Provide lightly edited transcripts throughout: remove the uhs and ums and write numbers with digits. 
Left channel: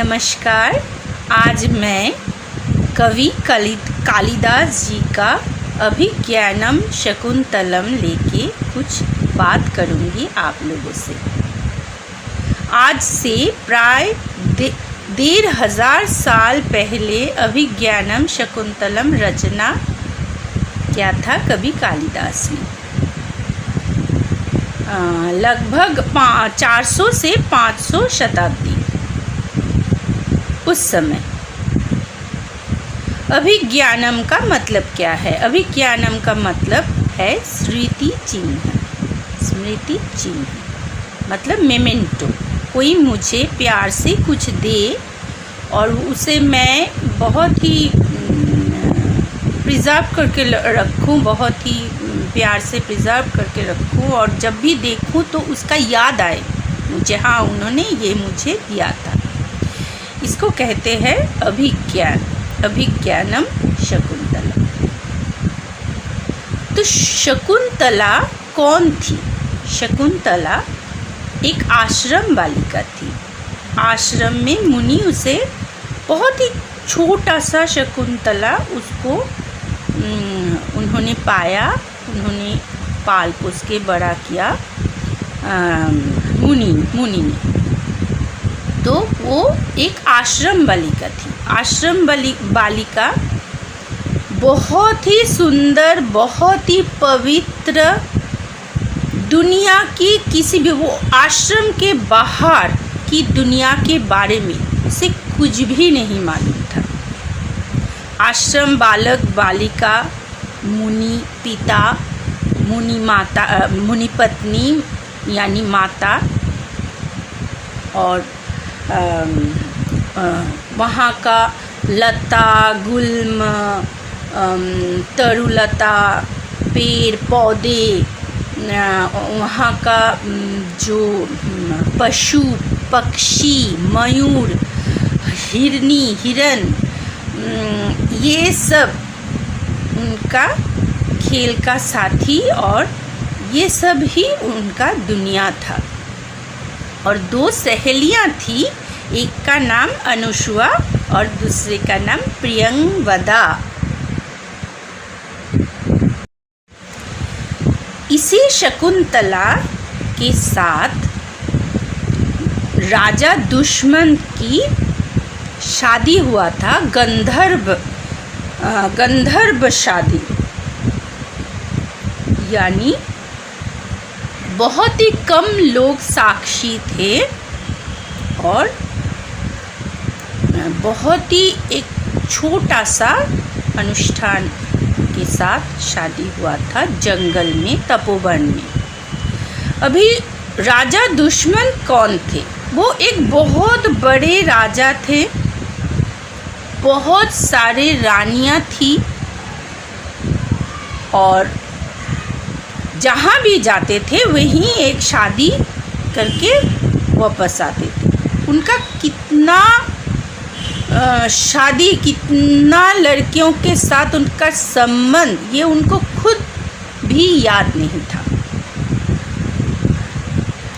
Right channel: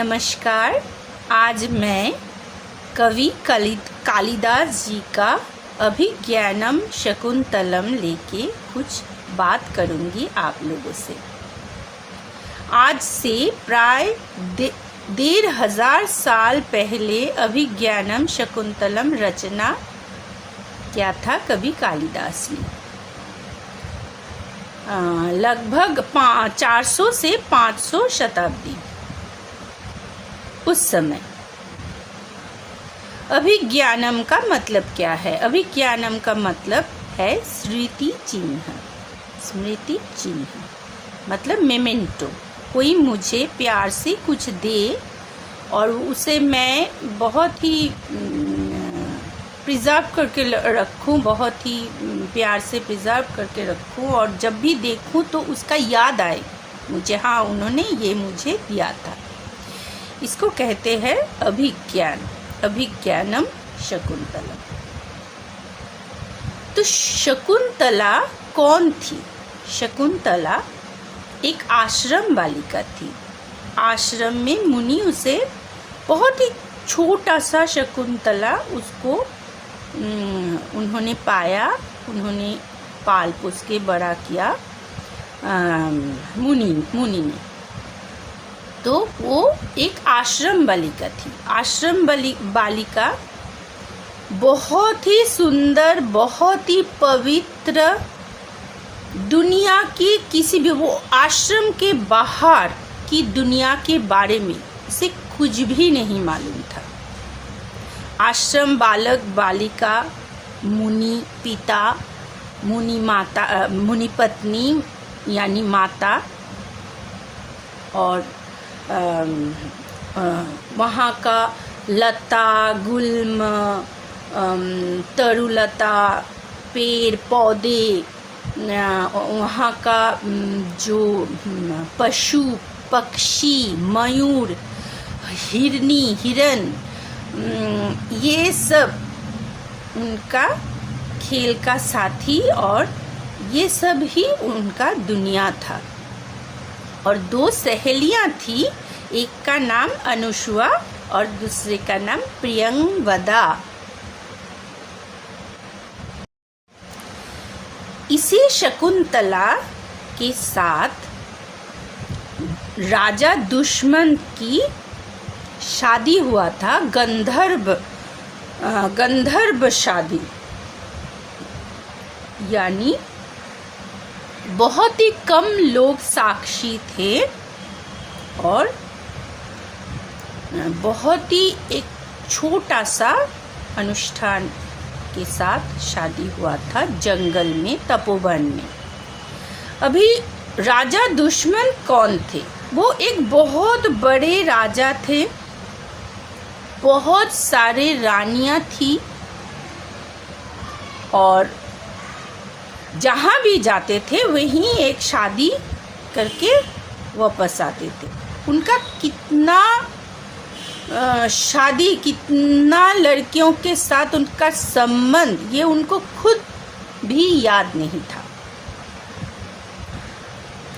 नमस्कार। आज मैं कवि कालिदास जी का अभिज्ञानम शकुंतलम लेके कुछ बात करूँगी आप लोगों से। आज से प्राय 1500 साल पहले अभिज्ञानम शकुंतलम रचना किया था कवि कालिदास ने। लगभग 400 से 500 शताब्दी उस समय। अभिज्ञानम का मतलब क्या है? अभिज्ञानम का मतलब है स्मृति चिन्ह। स्मृति चिन्ह मतलब मेमेंटो। कोई मुझे प्यार से कुछ दे और उसे मैं बहुत ही प्रिजर्व करके रखूं, बहुत ही प्यार से प्रिजर्व करके रखूं और जब भी देखूं तो उसका याद आए मुझे, हाँ उन्होंने ये मुझे दिया था। इसको कहते हैं अभिज्ञान। अभिज्ञानम शकुंतला। तो शकुंतला कौन थी? शकुंतला एक आश्रम बालिका थी। आश्रम में मुनि उसे बहुत ही छोटा सा शकुंतला उसको उन्होंने पाया, उन्होंने पाल पोस के बड़ा किया मुनि ने। तो वो एक आश्रम बालिका थी। आश्रम बालिका बहुत ही सुंदर, बहुत ही पवित्र, दुनिया की किसी भी, वो आश्रम के बाहर की दुनिया के बारे में उसे कुछ भी नहीं मालूम था। आश्रम बालक बालिका, मुनि पिता, मुनि माता, मुनि पत्नी यानी माता और वहाँ का लता गुल्म, तरुलता, पेड़ पौधे, वहाँ का जो पशु पक्षी, मयूर, हिरनी, हिरन, ये सब उनका खेल का साथी और ये सब ही उनका दुनिया था। और 2 सहेलियाँ थी, एक का नाम अनुसुआ और दूसरे का नाम प्रियंवदा। इसी शकुंतला के साथ राजा दुष्मंत की शादी हुआ था। गंधर्व शादी, यानी बहुत ही कम लोग साक्षी थे और बहुत ही एक छोटा सा अनुष्ठान के साथ शादी हुआ था जंगल में, तपोवन में। अभी राजा दुष्मंत कौन थे? वो एक बहुत बड़े राजा थे, बहुत सारे रानियां थी और जहाँ भी जाते थे वहीं एक शादी करके वापस आते थे। उनका कितना शादी, कितना लड़कियों के साथ उनका संबंध, ये उनको खुद भी याद नहीं था।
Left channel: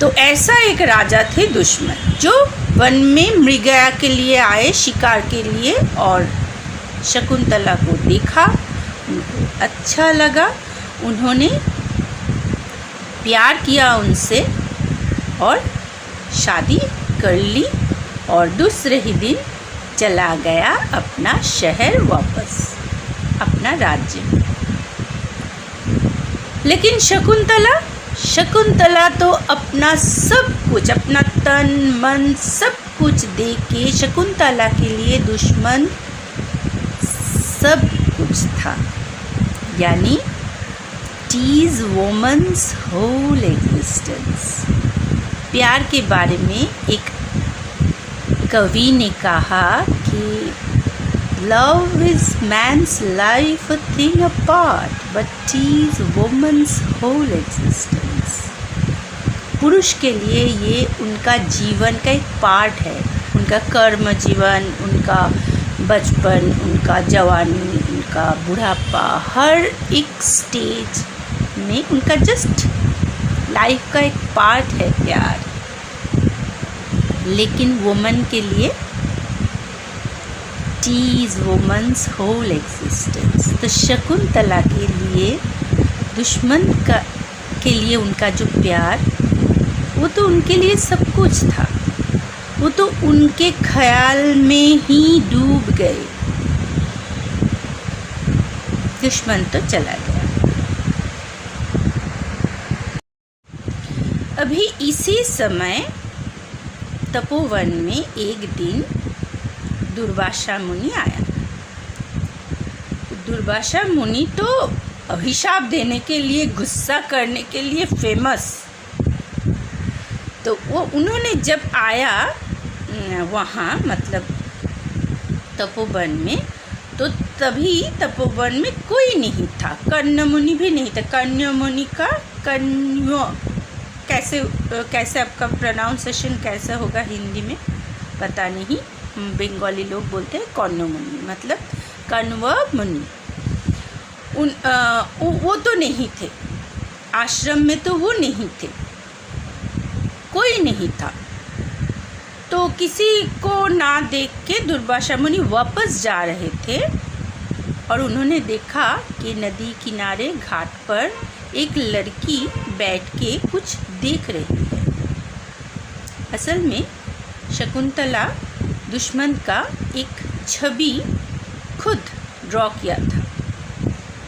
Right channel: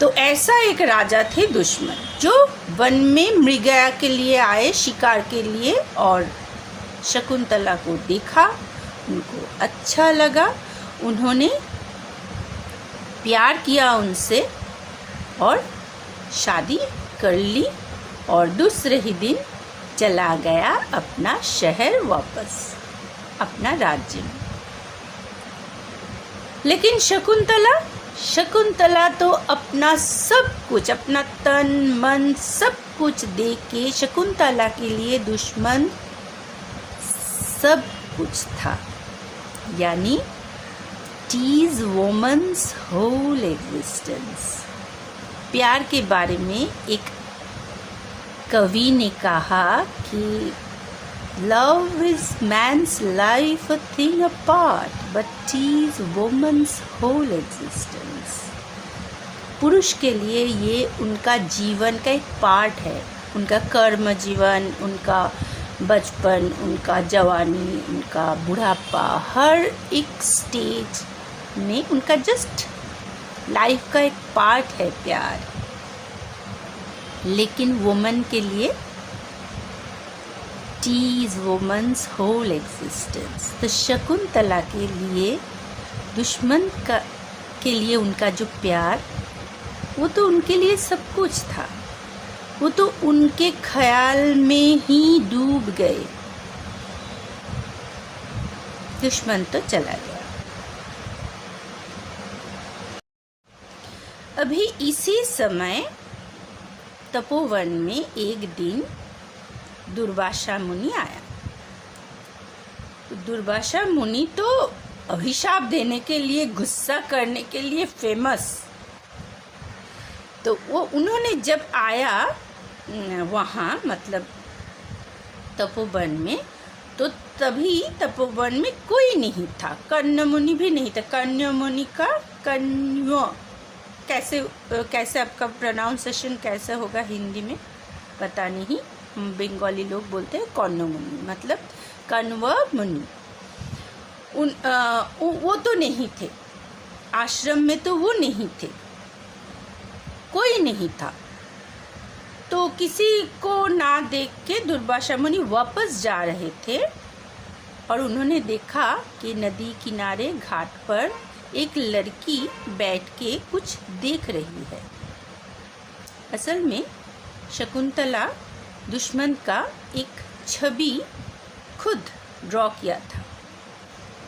तो ऐसा एक राजा थे दुष्मंत, जो वन में मृगया के लिए आए, शिकार के लिए, और शकुंतला को देखा, उनको अच्छा लगा, उन्होंने प्यार किया उनसे और शादी कर ली और दूसरे ही दिन चला गया अपना शहर वापस, अपना राज्य में। लेकिन शकुंतला तो अपना सब कुछ, अपना तन मन सब कुछ दे के, शकुंतला के लिए दुश्मन सब कुछ था। यानी टीज वुमन्स होल एग्जिस्टेंस। प्यार के बारे में एक कवि ने कहा कि love is mains life a thing apart but tease women's whole existence. पुरुष के लिए ये उनका जीवन का एक पार्ट है, उनका कर्म जीवन, उनका बचपन, उनका जवानी, उनका बुढ़ापा, हर एक स्टेज में उनका जस्ट लाइफ का एक पार्ट है प्यार। लेकिन वुमन के लिए tease woman's whole existence। तो शकुंतला के लिए के लिए उनका जो प्यार, वो तो उनके लिए सब कुछ था। वो तो उनके ख्याल में ही डूब गए। दुश्मन तो चला गया। अभी इसी समय तपोवन में एक दिन दुर्वासा मुनि आया। दुर्वासा मुनि तो अभिशाप देने के लिए, गुस्सा करने के लिए फेमस। तो वो उन्होंने जब आया वहाँ, मतलब तपोवन में, तो तभी तपोवन में कोई नहीं था। कर्ण मुनि भी नहीं था। कर्ण मुनि का कण्व, कैसे आपका प्रोनाउंसिएशन कैसा होगा हिंदी में पता नहीं। बंगाली लोग बोलते हैं कर्ण मुनि, मतलब कण्व मुनि। वो तो नहीं थे आश्रम में, तो वो नहीं थे, कोई नहीं था। तो किसी को ना देख के दुर्वासा मुनि वापस जा रहे थे और उन्होंने देखा कि नदी किनारे घाट पर एक लड़की बैठ के कुछ देख रही है। असल में शकुंतला दुश्मन का एक छवि खुद ड्रॉ किया था।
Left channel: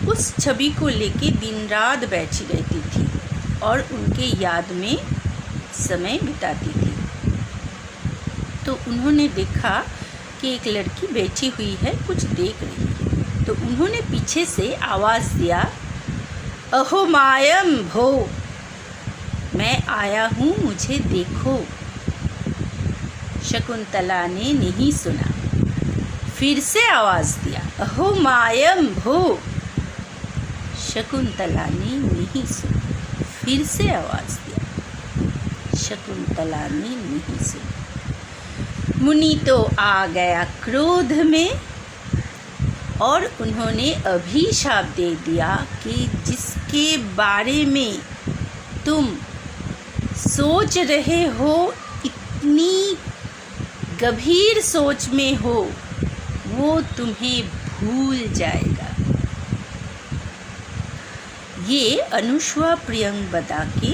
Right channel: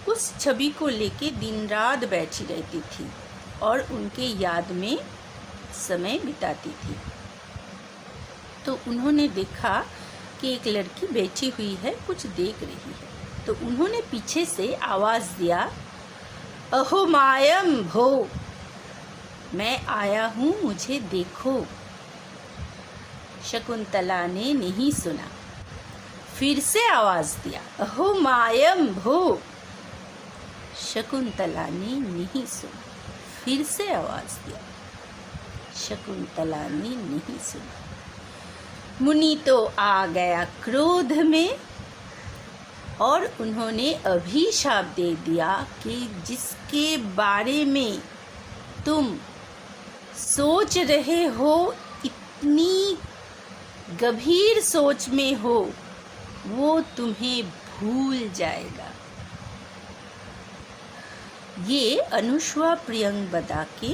उस छवि को लेके दिन रात बैठी रहती थी और उनके याद में समय बिताती थी। तो उन्होंने देखा कि एक लड़की बैठी हुई है, कुछ देख रही है। तो उन्होंने पीछे से आवाज़ दिया, अहो मायम भो, मैं आया हूँ, मुझे देखो। शकुंतला ने नहीं सुना, फिर से आवाज़ दिया, अहो मायम भो। शकुंतला ने नहीं सुना, फिर से आवाज़ दिया। शकुंतला ने नहीं सुना। मुनि तो आ गया क्रोध में और उन्होंने अभिशाप दे दिया कि जिसके बारे में तुम सोच रहे हो, इतनी गंभीर सोच में हो, वो तुम्हें भूल जाएगा। ये अनुस्वा प्रियंवदा के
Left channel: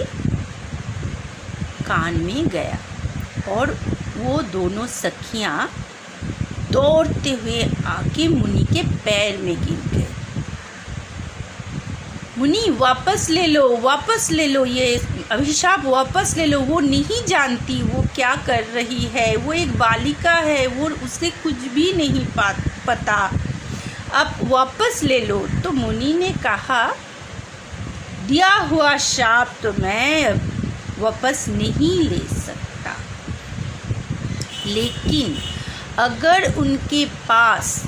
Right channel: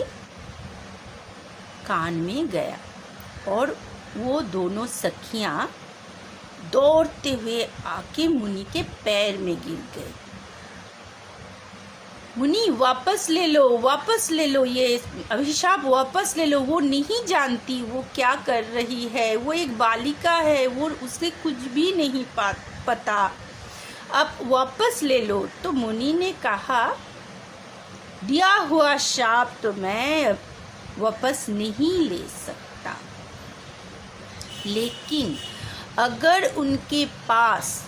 कान में गया और वो दोनों सखियां दौड़ते हुए आके मुनि के पैर में गिर गए। मुनि वापस ले लो, वापस ले लो, ये अभिशाप वापस ले लो। वो नहीं जानती वो क्या कर रही है, वो एक बालिका है, वो उसे कुछ भी नहीं पता, अब वापस ले लो। तो मुनि ने कहा, दिया हुआ शाप तो मैं वापस नहीं ले सकता, लेकिन अगर उनके पास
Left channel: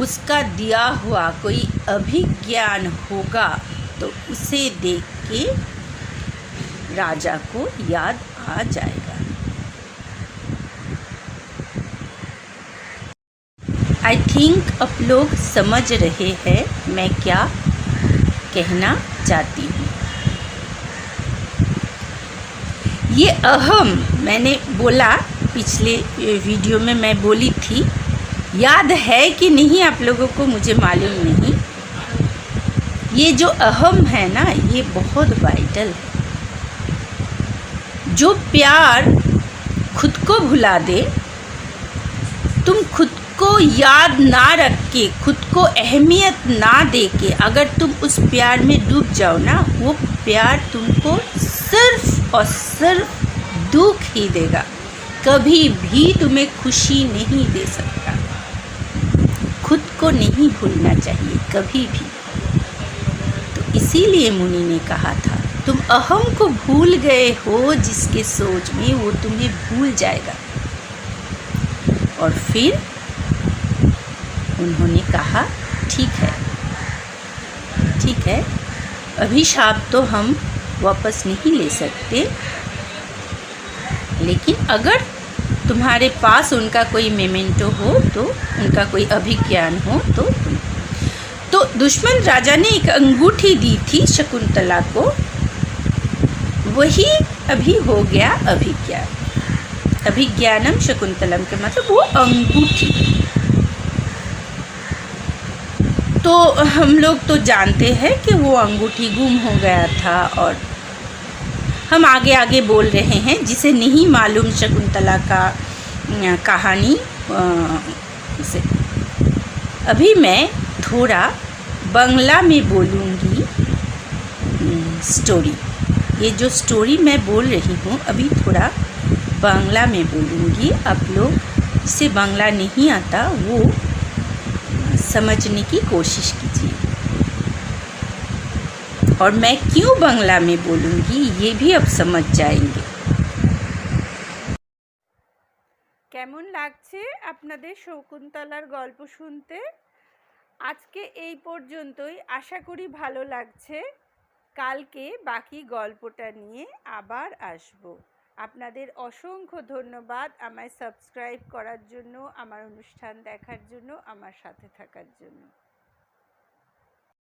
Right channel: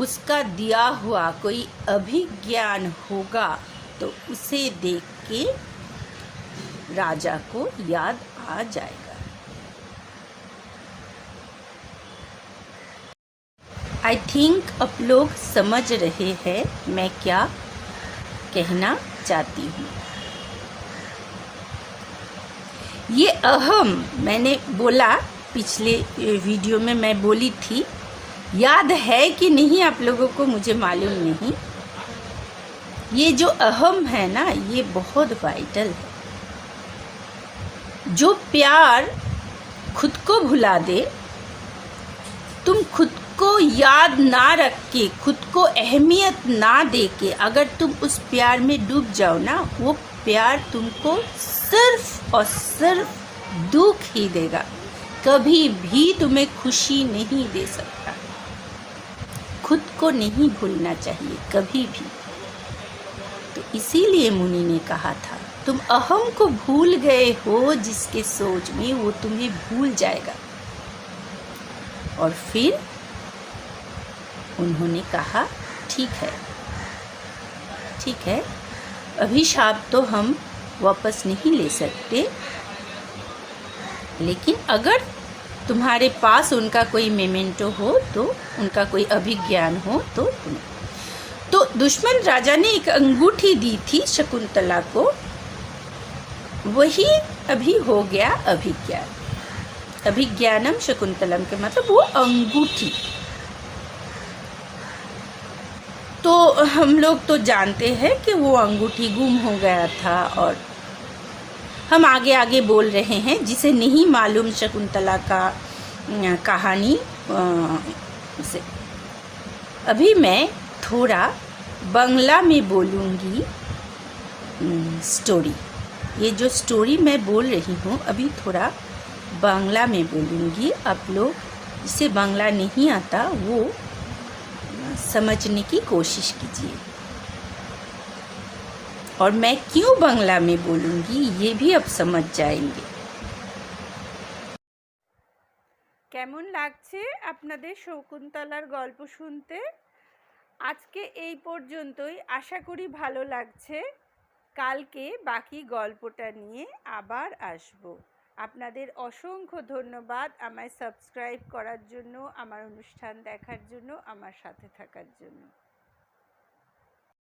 उसका दिया हुआ कोई अभिज्ञान होगा तो उसे देख के राजा को याद आ जाएगा। आई थिंक आप लोग समझ रहे हैं मैं क्या कहना चाहती हूँ। ये अहम, मैंने बोला पिछले वीडियो में, मैं बोली थी, याद है कि नहीं आप लोगों को मुझे मालूम नहीं। ये जो अहम है ना, ये बहुत वाइटल है। जो प्यार खुद को भुला दे, तुम खुद को याद ना रख के, खुद को अहमियत ना दे के अगर तुम उस प्यार में डूब जाओ ना, वो प्यार तुमको सिर्फ और सिर्फ दुख ही देगा, कभी भी तुम्हें खुशी नहीं दे सकता। खुद को नहीं भूलना चाहिए कभी भी। तो इसीलिए मुनि ने कहा था, तुम अहम को भूल गए हो, जिसके सोच में वो तुम्हें भूल जाएगा। और फिर उन्होंने कहा, ठीक है, ठीक है, अभिशाप तो हम वापस नहीं ले सकते, लेकिन अगर तुम्हारे पास उनका कोई मेमेंटो हो, तो उनका कोई अभिज्ञान हो, तो दुश्मन राजा ने एक अंगूठी दी थी शकुंतला को, वही अभी हो गया अभिज्ञान। अभिज्ञानम शकुंतलम का मतलब वो अंगूठी। तो हम लोग तो जानते हैं कि वो अंगूठी गुम हो गया था, और हम आगे आगे बोल रहे हैं। जिसे नहीं मालूम शकुंतला का कहानी उसे। अभी मैं थोड़ा बांग्ला में बोलूँगी स्टोरी। ये जो स्टोरी मैं बोल रही हूँ अभी थोड़ा बांग्ला में बोलूँगी। आप लोग जिसे बांग्ला नहीं आता वो समझने की कोशिश कीजिए। और मैं क्यों बांग्ला में बोलूँगी ये भी अब समझ जाएंगे। কেমন লাগছে আপনাদের শকুন্তলার গল্প শুনতে? আজকে এই পর্যন্তই, আশা করি ভালো লাগছে। কালকে বাকি গল্পটা নিয়ে আবার আসব। আপনাদের অসংখ্য ধন্যবাদ আমায় সাবস্ক্রাইব করার জন্য, আমার অনুষ্ঠান দেখার জন্য, আমার সাথে থাকার জন্য।